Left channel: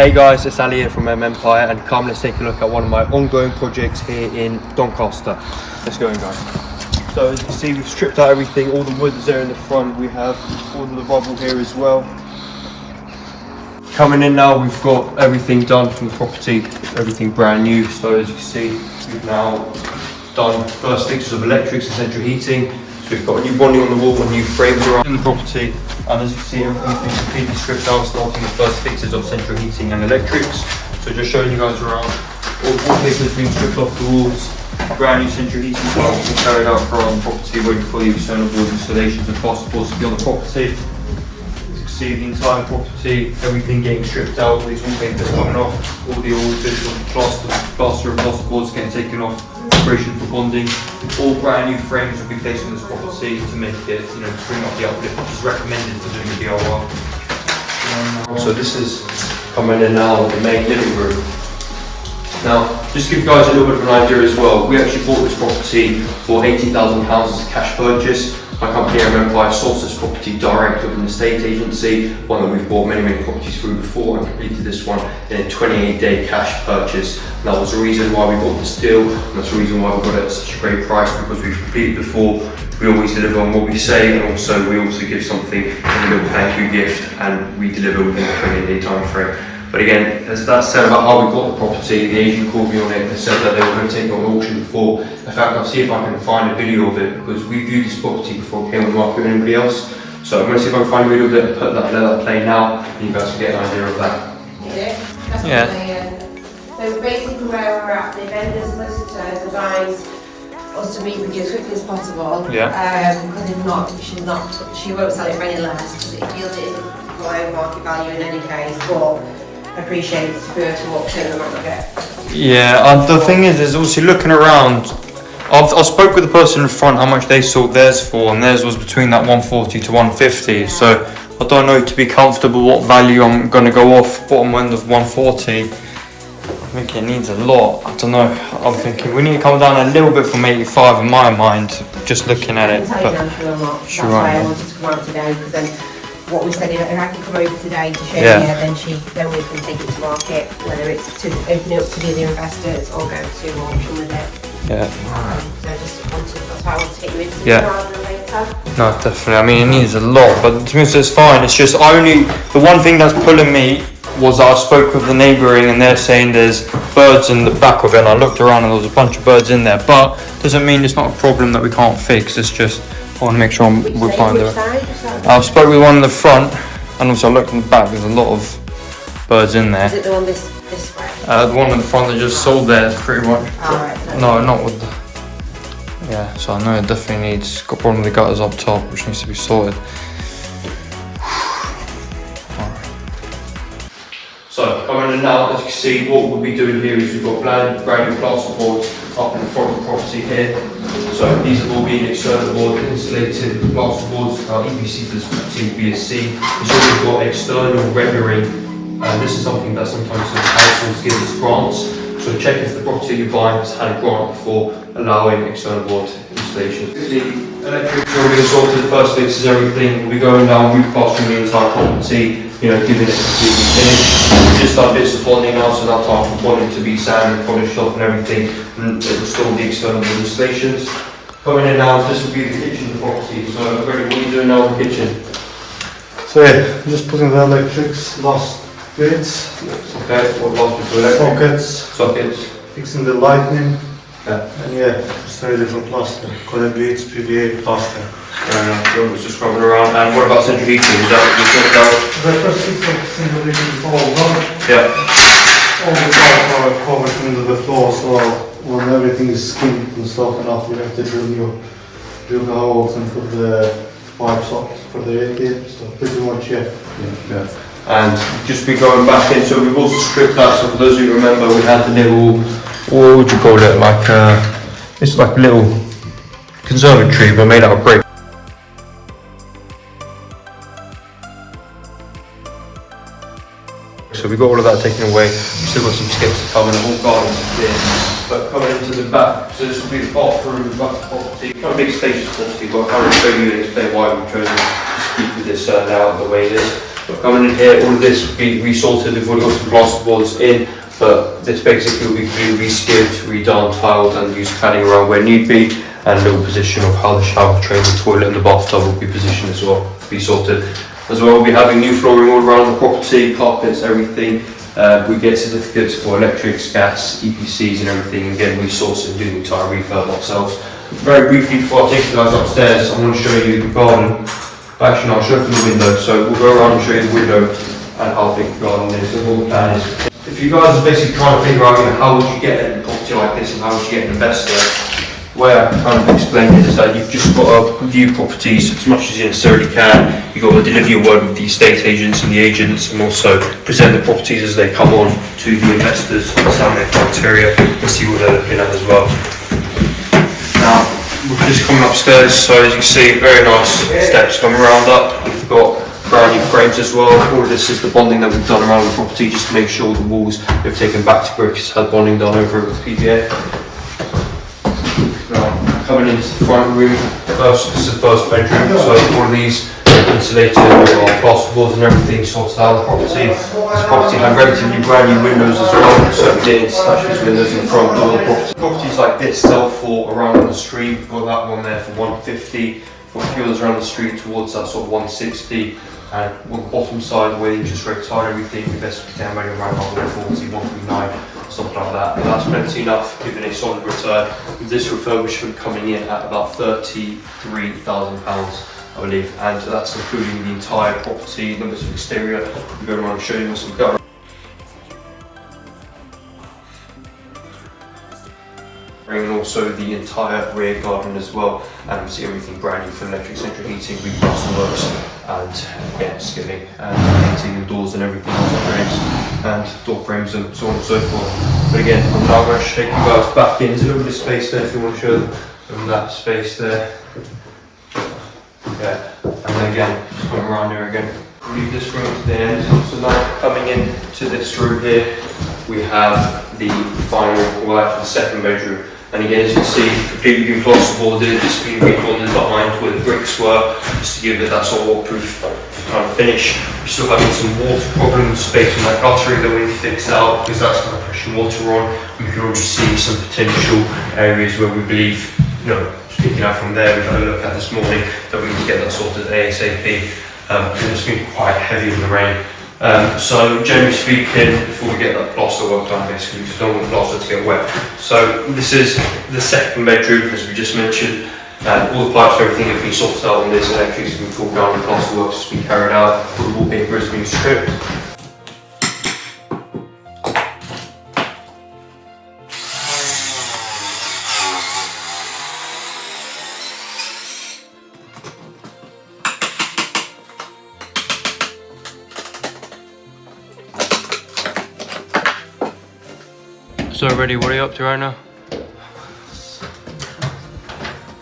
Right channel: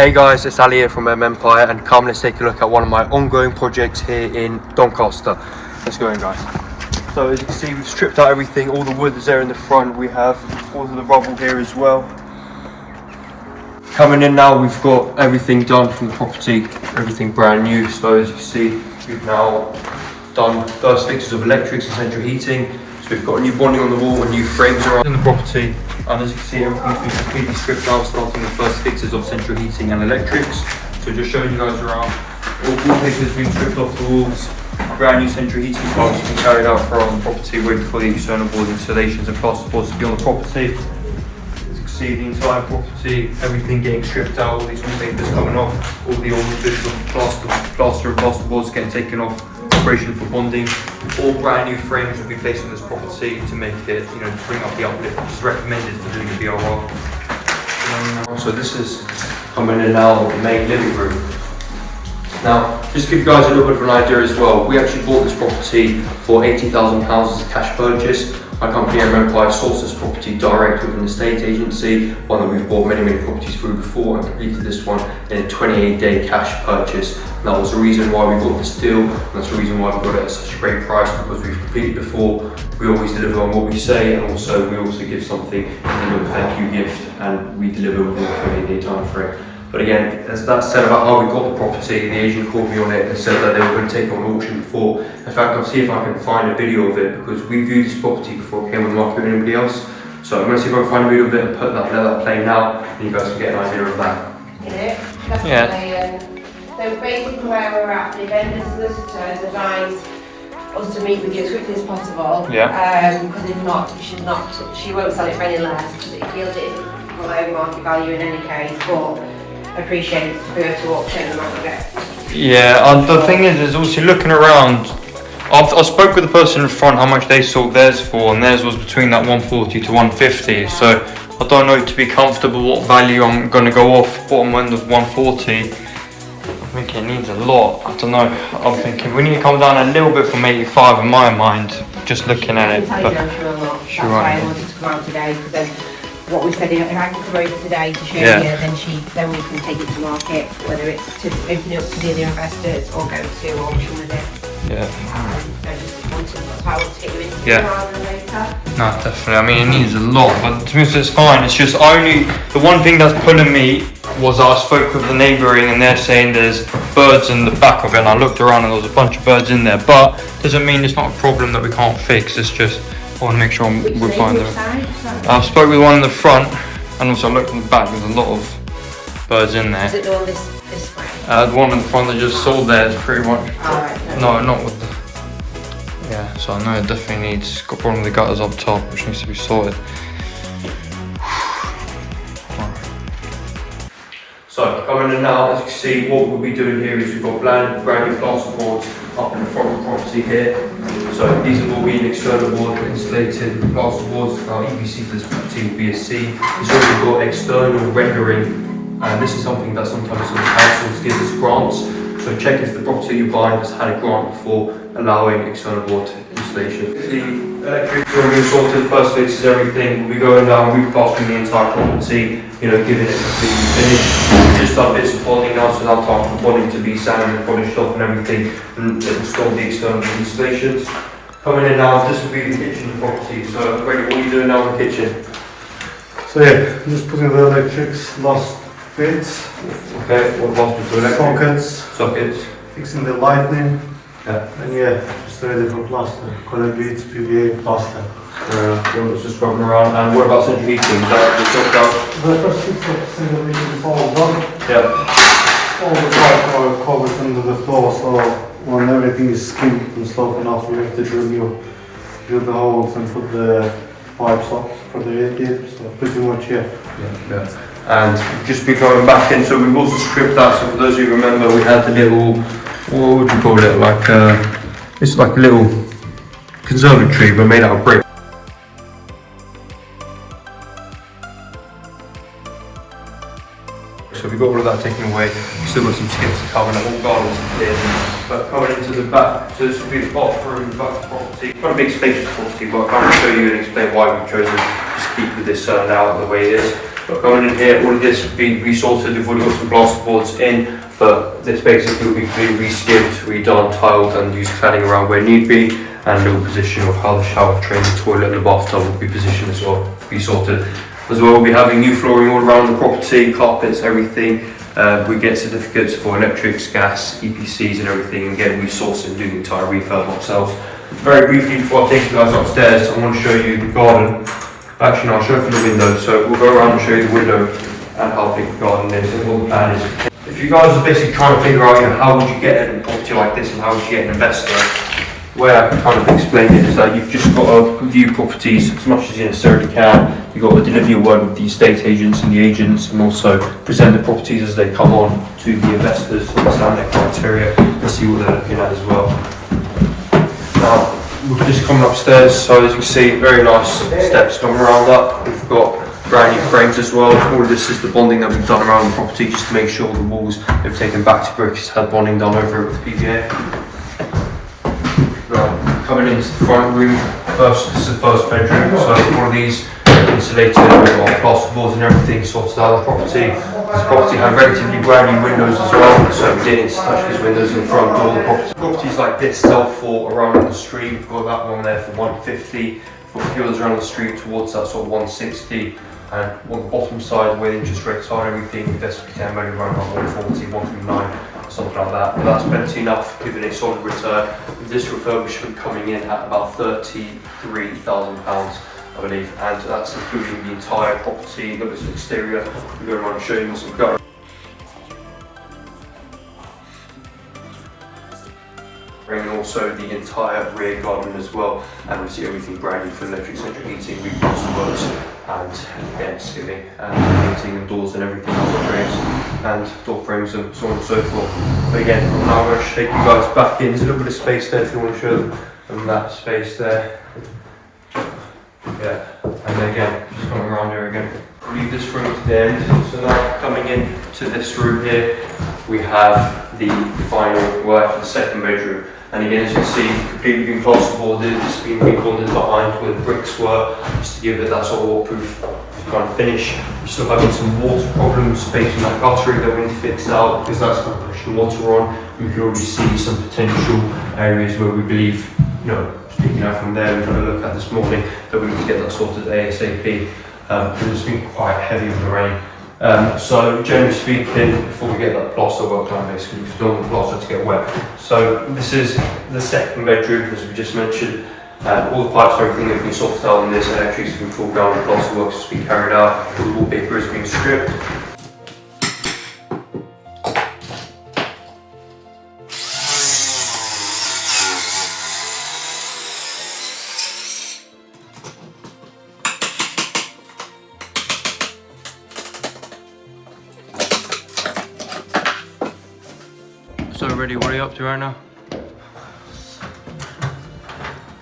Hey guys, it's Ali here from Empire, and come let's take a look at one of my ongoing projects here in Doncaster. Let's go in, guys. So as you can see, we've stripped out everything, all the wood is there in the front, we have all of the rubble here as well. Coming in now, we've got everything done from the property, everything brand new. So as you can see, we've now done first fixtures of electrics and central heating. So we've got a new bonding on the wall, a new frames are in the property, and as you can see, everything's been completely stripped out, starting with first fixtures of central heating and electrics. So just showing you guys around, all wallpaper's been stripped off the walls, brand new central heating plants have been carried out for our property, waiting for the external board installations and plasterboards to be on the property. See the entire property, everything getting stripped out, all these wallpapers coming off, all the old bits of plaster and plasterboards getting taken off, preparation for bonding. All brand new frames will be placed on this property to make it, to bring up the uplift, which is recommended for doing the BRR. So this is coming in now, the main living room. Now, just to give you guys a little bit of an idea as well, we actually bought this property for £80,000 as a cash purchase. My company, Empire, sourced this property direct with an estate agency, one that we've bought many properties through before, and completed this one in a 28-day cash purchase. And that was the reason why we bought this deal, and that's the reason why we got it at such a great price, because we've completed before, we always deliver on what we say, and also we also give something as a little thank you gift, and we deliver within a 28-day time frame. But again, as that said about how we got the property, the agent called me on it and said that they were going to take it on auction before. In fact, I'll see if I can find a video of it, because we viewed this property before it came on the market with anybody else. So I'm going to see if I can find a video of it and let that play now, and you guys can get an idea of that. Yeah. So basically where we're at, the vendor solicitors advised us to meet with you as quickly as possible. Yeah. Because if not, she won't sell it for any less, because it feels it isn't below market value in any case, but appreciate it's for to auction and not get. Yeah, and the thing is obviously looking around, I spoke with the person in front how much they sold theirs for, and theirs was between that 140 to 150. So I don't know, to be comfortable what value I'm going to go off. Bottom end of 140. I think it needs a lot. I don't know. I'm thinking we need to come down a little bit from 85 in my mind, just looking at it. But that's why I wanted to come out today, because then what we said, if I can come over today to show you, then we can take it to market, whether it's to open it up to the other investors or go to auction with it. Yeah. So just wanted to power to get you into later. No, definitely. I mean, it needs a lot, but to me it's fine. It's just the one thing that's pulling me was that I spoke with the neighbouring, and they're saying there's birds in the back of it, and I looked around and there was a bunch of birds in there, but doesn't mean it's not a problem that we can't fix. It's just I want to make sure we're fine there. I've spoke with one in the front, and also I looked in the back. There's a lot of birds in there. Is it the one this way? The one in the front that just sold there, pretty much. Right. No, not with. Yeah, so I know it definitely needs. Got one of the gutters up top, which needs to be sorted. So coming in now, as you can see, what we'll be doing here is we've got brand new plasterboards up in the front of the property here. So these have all been external board insulated plasterboards for our EPC for this property BSC. It's also got external rendering, and this is something that sometimes the councils give us grants. So check if the property you buy has had a grant before allowing external board installation. The electrics are all being sorted, first fixes everything. We'll be going down, replastering the entire property, giving it a completely finish. We've just done bits of bonding now, so now time for bonding to be sanded, polished off and everything, and install the external installations. Coming in now, this will be the kitchen of the property. So Greg, what are you doing now in the kitchen? So yeah, just putting the electrics, last bits. Okay, what last bits of electric? Sockets. Fixing the lighting. Yeah. And yeah, just ready for plaster. Conduits, PVA, plaster. It's just rubbing around. And what about central heating? Is that just left out? The first fix of single heating is all done. Yeah. All the pipes are covered under the floor, so when everything is skinned and stuff, and after we have to drill the holes and put the pipes up for the radiator. So pretty much Yeah. And just be going back in, so we've also stripped out, so for those who remember, we had the little, what would you call it, it's like a little conservatory but made out of brick. So we got all of that taken away. We still got some skips to come and the whole garden's clear. But coming into the back, so this will be the bathroom, the back of the property. Quite a big spacious property, but I can't show you and explain why we've chosen to keep with this layout the way it is. But coming in here, all of this will be resorted. We've already got some plasterboards in, but this basically will be completely reskipped, redone, tiled, and used cladding around where need be. And a little position of how the shower tray, the toilet, and the bathtub will be positioned as well, resorted. As well, we'll be having new flooring all around the property, carpets, everything. We get certificates for electrics, gas, EPCs and everything, and getting resourced and doing the entire refurb ourselves. Very briefly, before I take you guys upstairs, I want to show you the garden. Actually, no, I'll show you from the window. So we'll go around and show you the window and how big the garden is and what the plan is. If you guys are basically trying to figure out, how would you get a property like this and how would you get an investor, the way I kind of explain it is that you've just got to view properties as much as you necessarily can. You've got to deliver your word with the estate agents and the agents, and also present the properties as they come on to the investors, understand their criteria and see what they're looking at as well. Now, we're just coming upstairs, so as you can see, very nice steps coming around up. We've got brand new frames as well. All of this is the bonding that we've done around the property just to make sure the walls we've taken back to bricks had bonding done over it with PVA. Coming into the front room, this is the first bedroom, so all of these insulated plasterboards and everything sorted out of the property. This property had relatively brand new windows as well, so we didn't touch these windows in the front door of the property. Properties like this sell for around on the street. We've got that one there for 150, got a few others around the street towards that sort of 160. And on the bottom side, where the interest rates are and everything, the best we can maybe around 140, 139. Something like that, but that's plenty enough, giving a solid return. With this refurbishment coming in at about £33,000, I believe, and that's including the entire property, the exterior. We're going around and showing you some gutters. And also the entire rear garden as well, and we see everything brand new for electric central heating, repost the works, and again skimming and painting and doors and everything on the frames and door frames and so on and so forth. But again, I'm now going to take you guys back in. There's a little bit of space there if you want to show them that space there. Yeah, and then again, just going around here again. We'll leave this room to the end. So now coming in to this room here, we have the final, well, the second bedroom. And again, as you can see, completely been plasterboarded, it's been rebonded behind where the bricks were, just to give it that sort of waterproof kind of finish. We're still having some water problems, space in that guttering that we need to fix out, because that's kind of pushing water on. We can already see some potential areas where we believe, speaking out from there, we've had a look at this morning, that we can get that sorted ASAP. It's been quite heavy with the rain. So generally speaking, before we get that plaster work done, basically, because we don't want the plaster to get wet. So this is the second bedroom, as we just mentioned. All the pipes, everything have been sorted out, and this electrics have been pulled down, the plaster work has been carried out, the wallpaper has been stripped. So ready, what are you up to right now?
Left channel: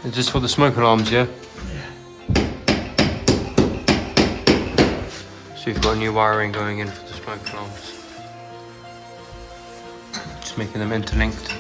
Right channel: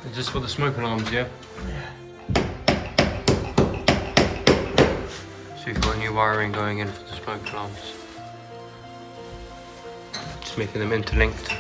Is this for the smoke alarms, yeah? So you've got new wiring going in for the smoke alarms. Just making them interlinked.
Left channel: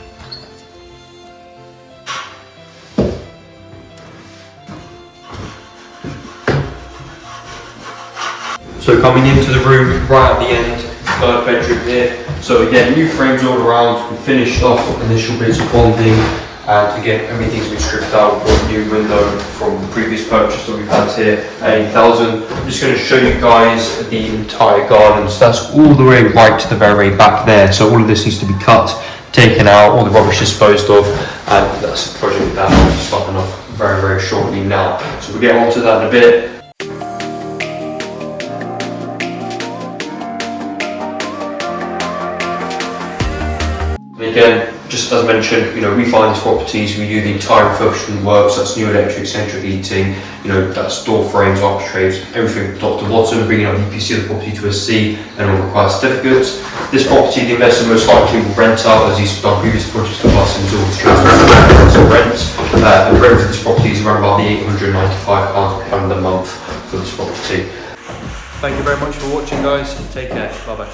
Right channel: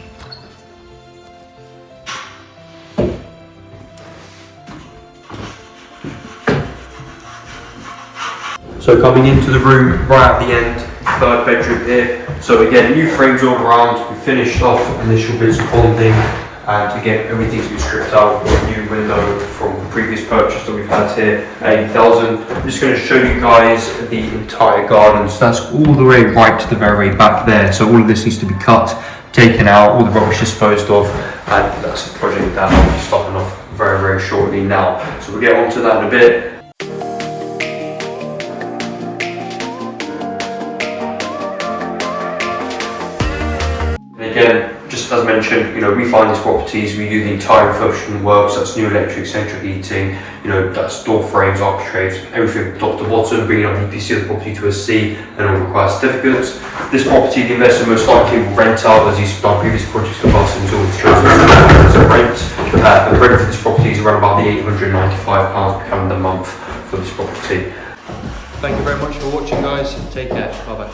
So coming into the room right at the end, third bedroom here. So again, new frames all around. We finished off initial bits of bonding, and again, everything's been stripped out. With a new window from the previous purchase that we've had here, 80,000. I'm just going to show you guys the entire garden. So that's all the way right to the very way back there. So all of this needs to be cut, taken out, all the rubbish disposed of, and that's a project that I'll be starting off very, very shortly now. So we'll get on to that in a bit. Again, just as mentioned, we find these properties, we do the entire refurbishment works, that's new electric, central heating, that's door frames, architraves, everything top to bottom, bringing up the EPC of the property to a C and all required certificates. This property, the investor most likely will rent out, as he's done previous projects with us, and he's always chosen to rent. And rent for this property is around about the £895 per calendar month for this property. Thank you very much for watching, guys. Take care. Bye bye.